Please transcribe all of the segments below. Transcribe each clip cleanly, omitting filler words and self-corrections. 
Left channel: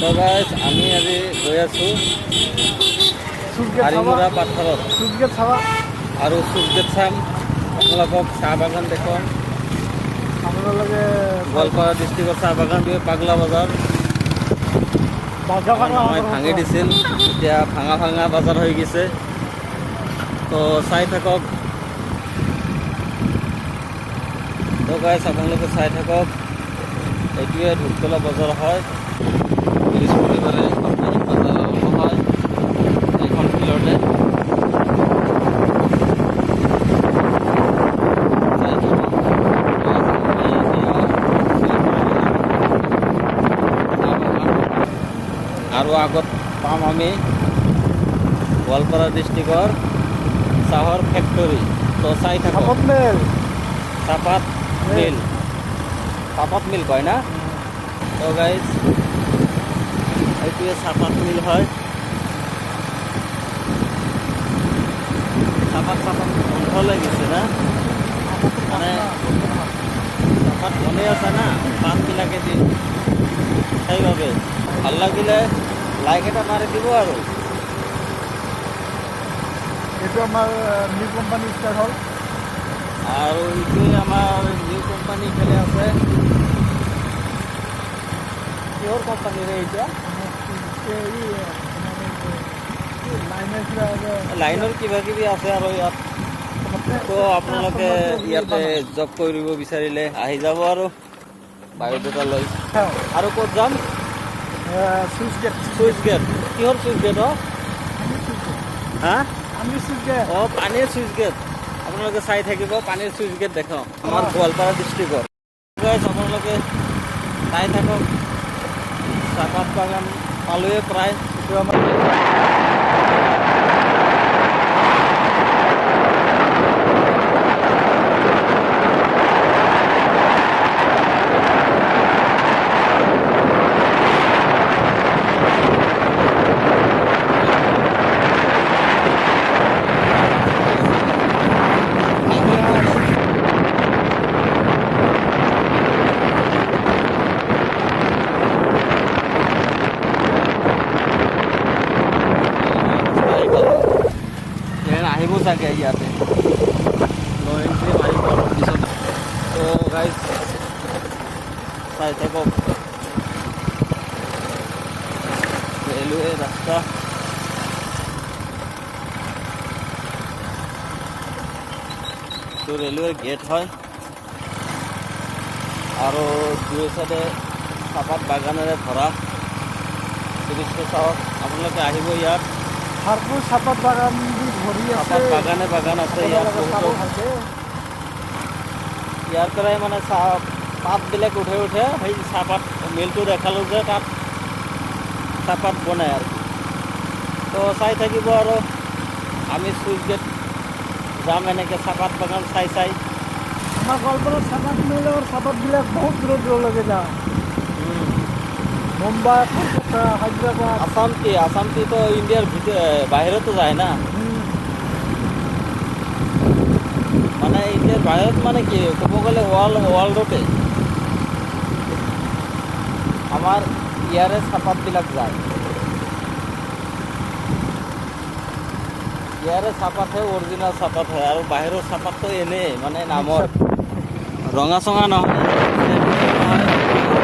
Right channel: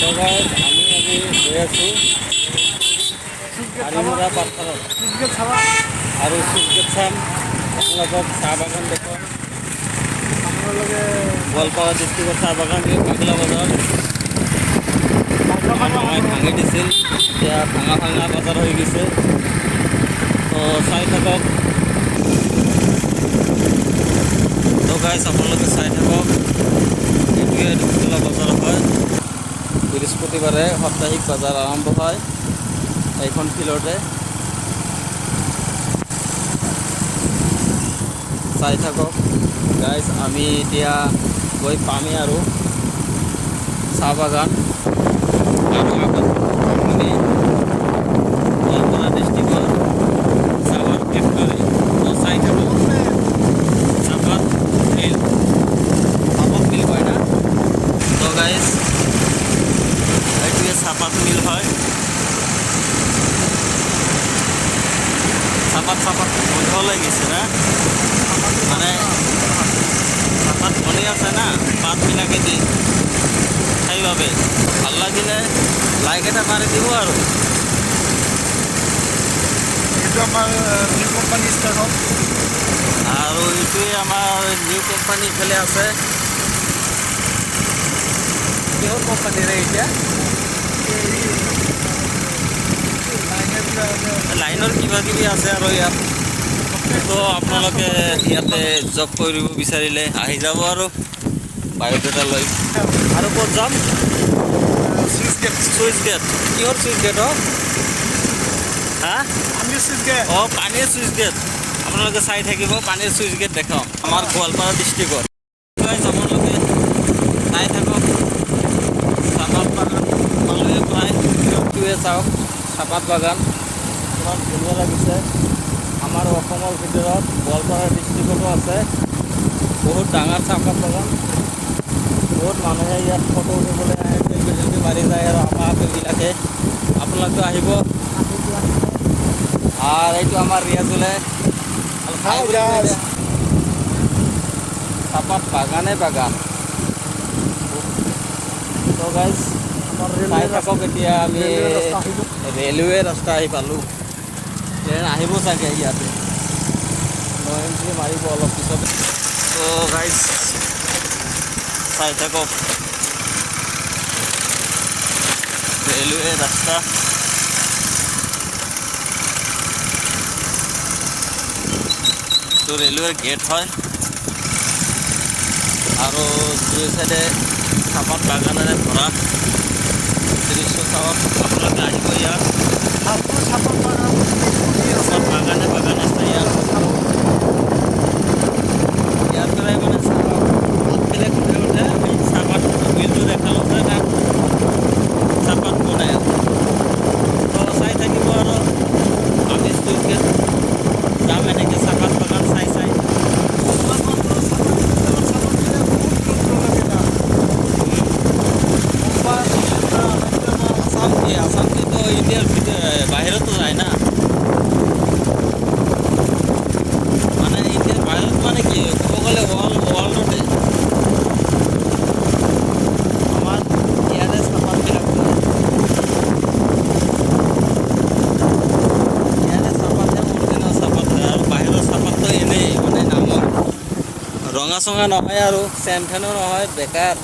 তো গাইজ আমি আজি গৈ আছোঁ হাৰিমুৰা পাথৰত আৰু চুইচ চাম আপোনালোকক চাহ বাগান দেখুৱাম। গোৱালপাৰা ডিষ্ট্ৰিক্টৰ চাহ বাগান পাগলা বজাৰ মামাই ভাঙি দিছিল, এতিয়া ভাঙা ভাঙা বজাৰ হৈ গৈছে। তো চাই থাকক। তো গাইজ আপোনালোকে চাই থাকক। এইটোৱে ধূপতলা বজাৰ হয়। বৃহস্পতিবাৰে সাপ্তাহিক বজাৰ আৰম্ভ হয় এইখন ফিল্ডতে। চাই থাকক গাইজ। আমি এতিয়া গৈ পামেই আৰু চাহ বাগান, আৰু আগত পাম আমি গোৱালপাৰা ডিষ্ট্ৰিক্টৰ চাহৰ ফেক্টৰী। তো চাই থাকক। চাহপাত মিল, চাহপাত মিল কয় না? তো গাইজ এইটোৱে চাহপাত মিল হয়। চাহপাত বন্ধ লাগিছে না, মানে চাহপাত বনেই আছে না পাতবিলাকে দি, সেইবাবে ভাল লাগিলে লাইক এটা মাৰি দিব। আৰু এইটো আমাৰ নিউ কোম্পানী ষ্টাৰ্ট হ'ল, আৰু এইটোৱে আমাৰ নিউ কোম্পানী ইফালে আছে। কিহৰ কোম্পানীৰে এতিয়া লাইনৰ কিবা কিবি আছে আৰু ইয়াত। তো আপোনালোকে ইয়াতে জব কৰিব বিচাৰিলে আহি যাব আৰু বায়'ডাটা লৈ। আৰু ক'ত যাম? Switch gate. Switch gate. কিহৰ চুইচ গেট? হা? Switch gate. অঁ, পানীৰ চুইচ গেট। আপোনালোকে চাই থাকিব, পানীৰ চুইচ গেট দেখাওঁ আমাৰ গোৱালপাৰা ডিষ্ট্ৰিক্টত। আপোনালোকে চাই থাকক। চাহপাত বাগান পালোৱে প্ৰায়, চাই চাহপাত বাগান। এতিয়া আমি ৰেলৱে ৰাস্তা আহি পালোঁ। ট্ৰেইন আহিব চাগে ইয়াতে, আহিব অলপ পিছত। তো গাইজ চাই থাকক। ৰেলৱে ৰাস্তা, তো ৰেলৱেৰ গেট হয়। আৰু দুই চাইডে চাহপাত বাগানেৰে ভৰা দৃশ্য চাওক। আপোনালোকে আহিব ইয়াত। চাহপাত বাগান বাগান আছে ইয়াত। ইয়াৰ পৰাই মানে পাতবিলাক উঠে সেই চাহপাত মিলটো দেখালোঁ যে তাত চাহপাত বনাই আৰু। তো চাই থাকিব আৰু আমি চুইচ গেট যাম এনেকৈ চাহপাত বাগান চাই। চাহপাতবিলাক বহুত দূৰলৈকে যাম। মুম্বাই, হায়দৰাবাদ, আসামটো ইণ্ডিয়াৰ বাহিৰতো যায় না। মানে ইণ্ডিয়াৰ বাহিৰত মানে কি ক'ব গ'লে ৱৰ্ল্ডতে আমাৰ ইয়াৰে চাহপাতবিলাক যায়। ইয়াৰে চাহপাতহে অৰিজিনেল চাহপাত হয়, আৰু বাহিৰৰ চাহপাতটো এনেই মানে নামৰ ৰঙা চঙা নহয় আৰু চেণ্ট নহয়, বেকাৰ।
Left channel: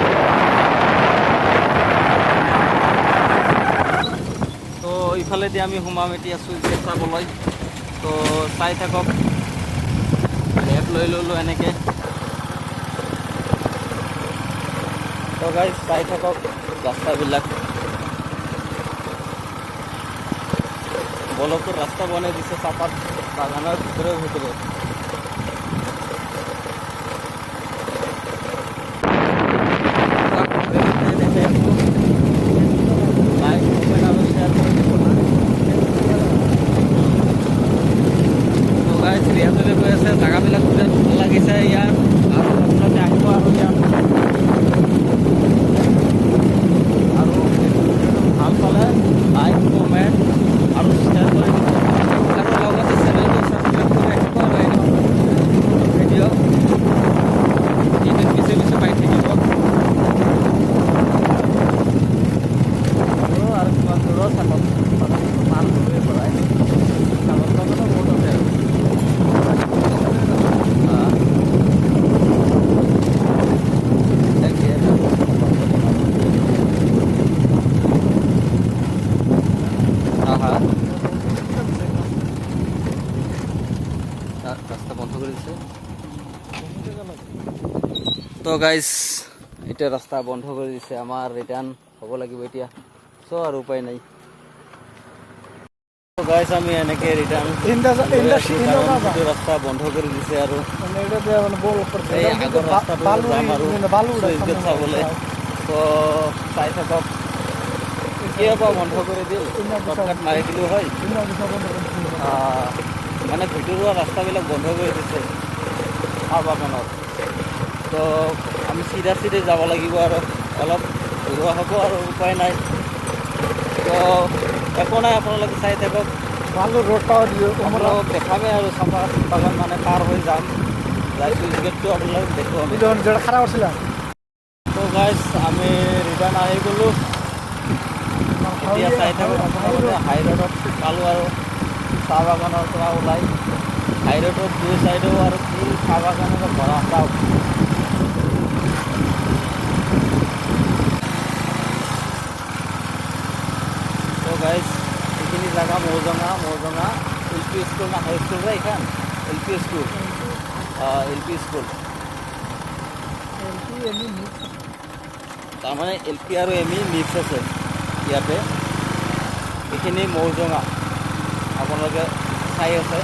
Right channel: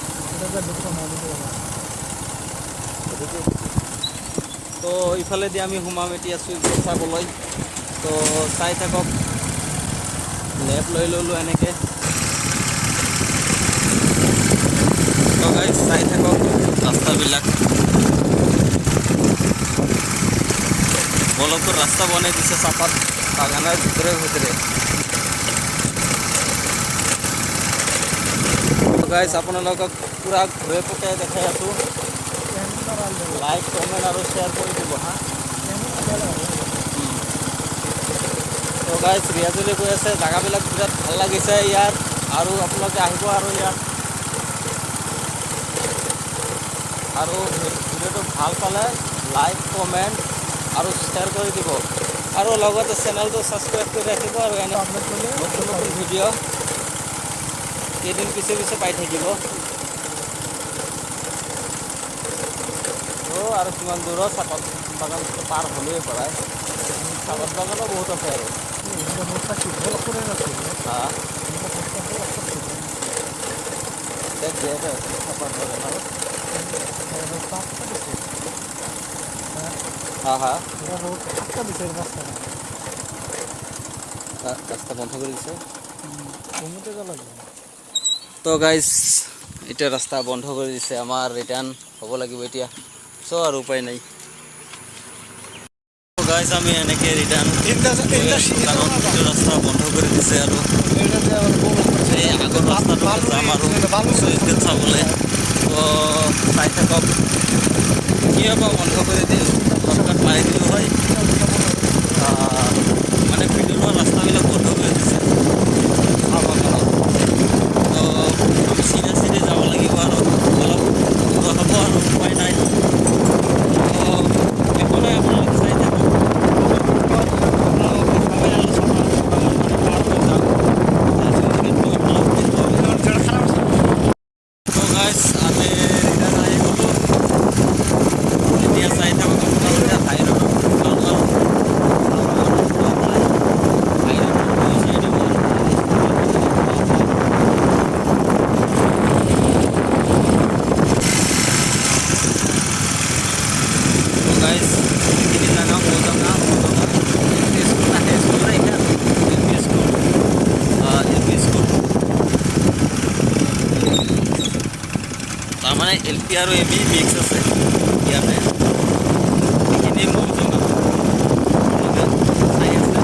তো ইফালেদি আমি সোমাম এতিয়া চুইচ গেট চাবলৈ। তো চাই থাকক। লেফ্ট লৈ ল'লোঁ এনেকৈ। তো গাইজ চাই থাকক ৰাস্তাবিলাক। বলকৰ ৰাস্তা বনাই দিছে চাহপাত বাগানৰ ভিতৰে। গাইজ আপোনালোকক পূৰা ভিডিঅ'টোতে দেখাই আছোঁ। লাইক, কমেণ্ট আৰু শ্বেয়াৰ কৰি দিব হা। তো গাইজ ৰিয়াজুৰি গৈ আছে, জেগাবিলাক বিৰাট ভাল লাগিছে ইয়াত। আৰু আপোনালোকে আহিব আৰু ইয়াত। আৰু ভিডিঅ'টো ভাল পালে লাইক, কমেণ্ট আৰু শ্বেয়াৰ কৰি দিব। আৰু লগতে চেনেলটো ছাবস্ক্ৰাইব কৰি ৰাখিব আৰু নতুন ভিডিঅ' এদিন পিছে পাই থাকিব। আৰু চাহপাত বাগানটো পাৰ হ'লেই পৰাই চাহপাত বাগানো বহুত আছে আৰু রাস্তা বন্ধ করে দিছে তো গাইজ এটা রাস্তা বন্ধ করে দিছে আমার রিটার্ন হ'ব লাগিব এতিয়া সো আর উপায় নাই তো গাইজ আমি এনেকে রিটার্ন কারণ এইটো রাস্তা বন্ধ করে দিছে আৰু এই আগৰ ৰাস্তাটো যাম আৰু চুইচ গেট চাবলৈ তো চাই থাকক কি হ'ব বন্ধ কৰি দিল টপকাট মাৰি দিলোঁ হয় মানে ভিতৰুৱা ৰাস্তাবিলাক বন্ধ কৰি দিছে চাহ বাগানত তো আমি চিধা যাব লাগিব আৰু অলপ দূৰ হ'ব আৰু উপায় নাই তো একো নাই আপোনালোকে চাই থাকক আপোনালোকক দেখামে আৰু চাহ বাগান মানে পাৰ হৈ যাম লাইচেন্স গেটটো আপোনালোক খাৰাপ আছে তো গাইজ আমি ৰিটাৰ্ণ আহি গ'লোঁ এতিয়া চাই থাকক আপোনালোকে হাইৰোডত পালোঁ আৰু চাহ বাগানৰ পৰা ওলাই হাইৰোডৰ দুই চাইডেও আৰু চাহ বাগানৰ পৰা চাহ তো গাইজ এইখিনি জাগা মৌজঙা এল পি স্কুল না হাই স্কুল রে এখান এল পি স্কুল তাৰমানে এল পি আৰু এম ই মিক্স আছে ইয়াতে এইখিনি মৌজঙা আপোনালোকে চাই আছে